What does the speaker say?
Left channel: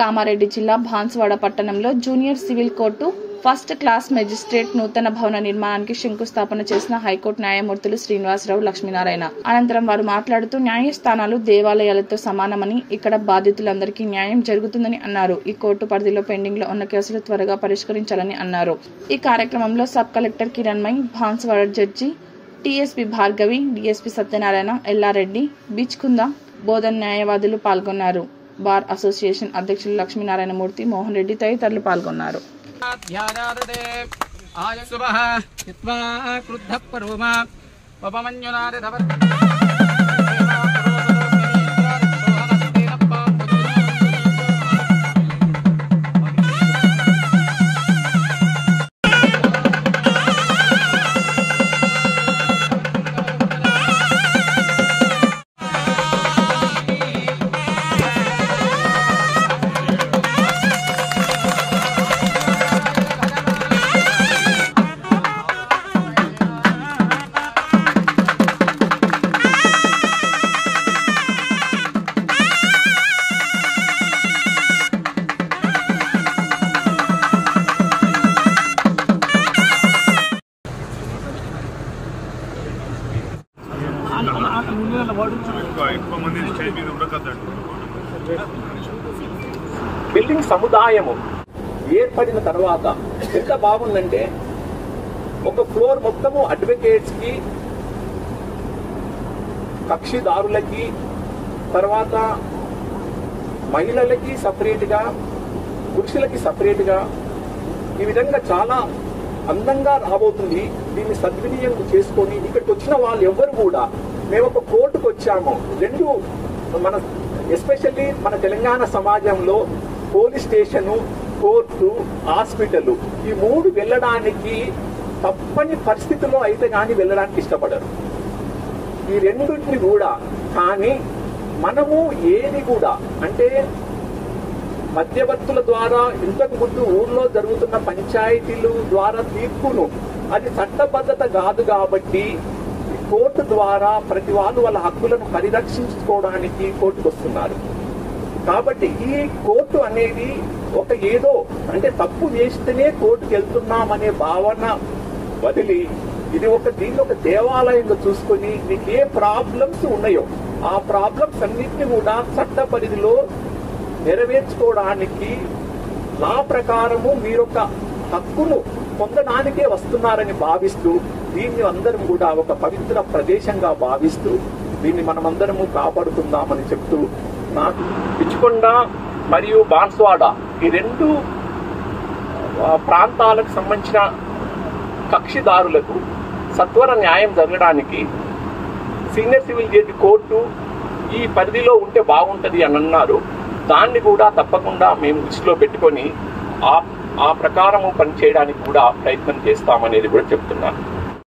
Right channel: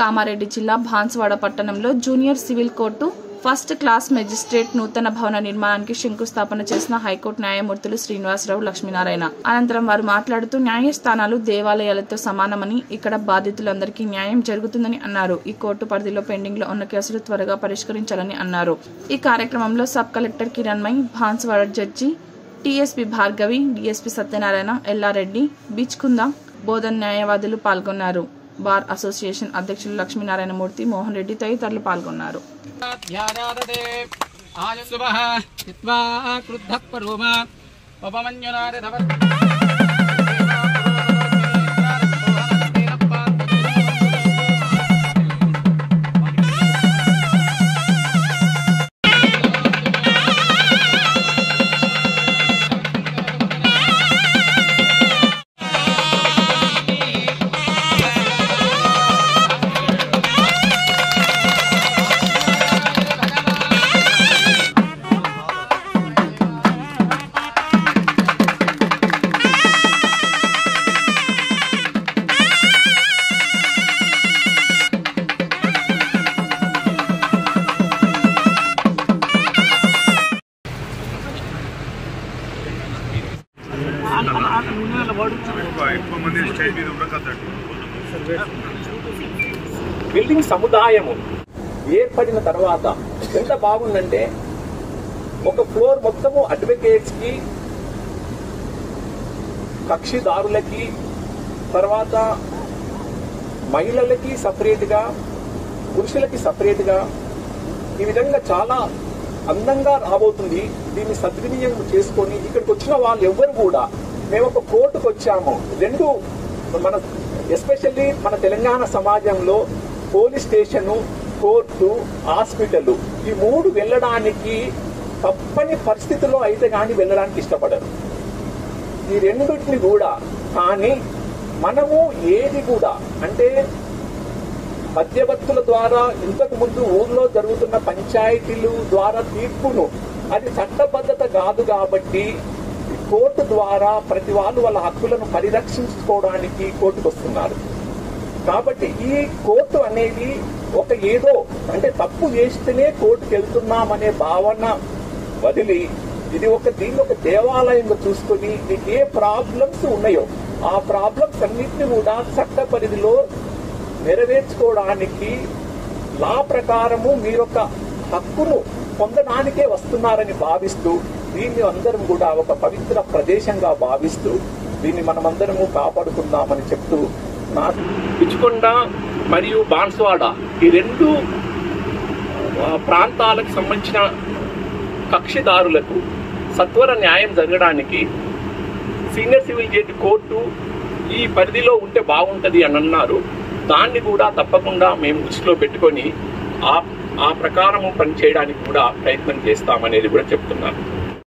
కామారెడ్డి జిల్లా బాన్సువాడ పట్టణంలో junior civil court first class magistrate నూతన భవన నిర్మాణానికి శంకుస్థాపన చేసిన హైకోర్టు న్యాయమూర్తులు శ్రీనివాసరావు, లక్ష్మీనారాయణ. అనంతరం వారు మాట్లాడుతూ న్యాయస్థానాలు దేవాలయాలతో సమానమని, ఇక్కడ బాధితులందరికీ న్యాయం జరుగుతుందని అన్నారు. ఈ కోర్టు పరిధిలో పెండింగ్ లో ఉన్న కేసులు త్వరగా పరిష్కరించాలని అన్నారు. ఈ కార్యక్రమంలో sub collector Kiranmayi, Banswada judge TSP Bhargavi, DSP Satyanarayana, Yellareddy, Bichkunda Bodhan న్యాయవాదులు పాల్గొన్నారు. బార్ అసోసియేషన్ అధ్యక్షులు లక్ష్మీనారాయణ మూర్తి, మోహన్ రెడ్డి తదితరులు పాల్గొన్నారు. బిల్డింగ్ సముదాయము ఏర్పడిన తర్వాత ఎంత బాగుందంటే, ఒక ఫ్లోర్ మొత్తము అడ్వకేట్స్ కి, కక్షిదారులకి, తర్వాత మహిళలకి సపరేట్ గా, పురుషులకి సపరేట్ గా, ఈ విధంగా చాలా అందంగా రాబోతుంది. దీన్ని సద్వినియోగం చేసుకొని ఇక్కడికి వచ్చిన వాళ్ళు ఎవ్వరు కూడా, మేము ఒక కోర్టుకు వచ్చాము, రెండు మన ఎస్పెషల్లీ మన తెలంగాణ సమాజంలో పోలీస్ స్టేషన్, కోర్టు, హాస్పిటల్, ఈ మూడు వెళ్ళడానికి తప్పని పరిస్థితుల్లో అయితే కానీ వెళ్ళడానికి ఇష్టపడరు. ఈ రెండింటిని కూడా కానీ మనము ఏది కూడా అంటే మధ్యవర్తుల ద్వారా ఇంతకు ముందు ఊర్లో జరుగుతున్న పంచాయతీలు ద్వారా తీర్పును, అది చట్టబద్ధత కాదు కాబట్టి కోర్టు ద్వారా ప్రతి వాళ్ళు వాళ్ళ హక్కులను పరిరక్షించుకోవడానికి కోర్టుకు వస్తున్నారు. కాబట్టి ఈ కోర్టు అనేది ఒక ఏదో అంటే తప్పు చేస్తేనే కోర్టుకు వెళ్తున్నామనే భావన వదిలి, ఇది దీన్ని ఒక దేవాలయంగా చూసుకొని మీకు ఏ ప్రాబ్లమ్స్ ఉన్నాయో ఆ ప్రాబ్లమ్స్ అన్నింటినీ కూడా చట్ట పరిధిలో నెరవేర్చుకోవడానికి లా ప్రకారము మీరొక హక్కును పొందడానికే వస్తున్నారని భావిస్తూ, దీన్ని అందరం కూడా ఒక పవిత్ర ప్రదేశంగా భావిస్తూ దీన్ని మనమందరము కాపాడుకుందామని చెప్తూ, పిచ్చుకొండ మరియు బాన్సువాడ ఈ రెండు ప్రాంతాలకు సంబంధించిన కక్షిదారులకు సత్వర న్యాయం జరగడానికి సీనియర్ సివిల్ జడ్జి కోర్టు ఈ పరిధిలో ఉంటే బాగుంటది అని అన్నారు. దాన్ని కూడా తప్పకుండా మేము దృష్టిలో పెట్టుకొని ఆ ప్రకారము పనిచేయడానికి కూడా ప్రయత్నం చేస్తామనేది కూడా చెప్తున్నాను.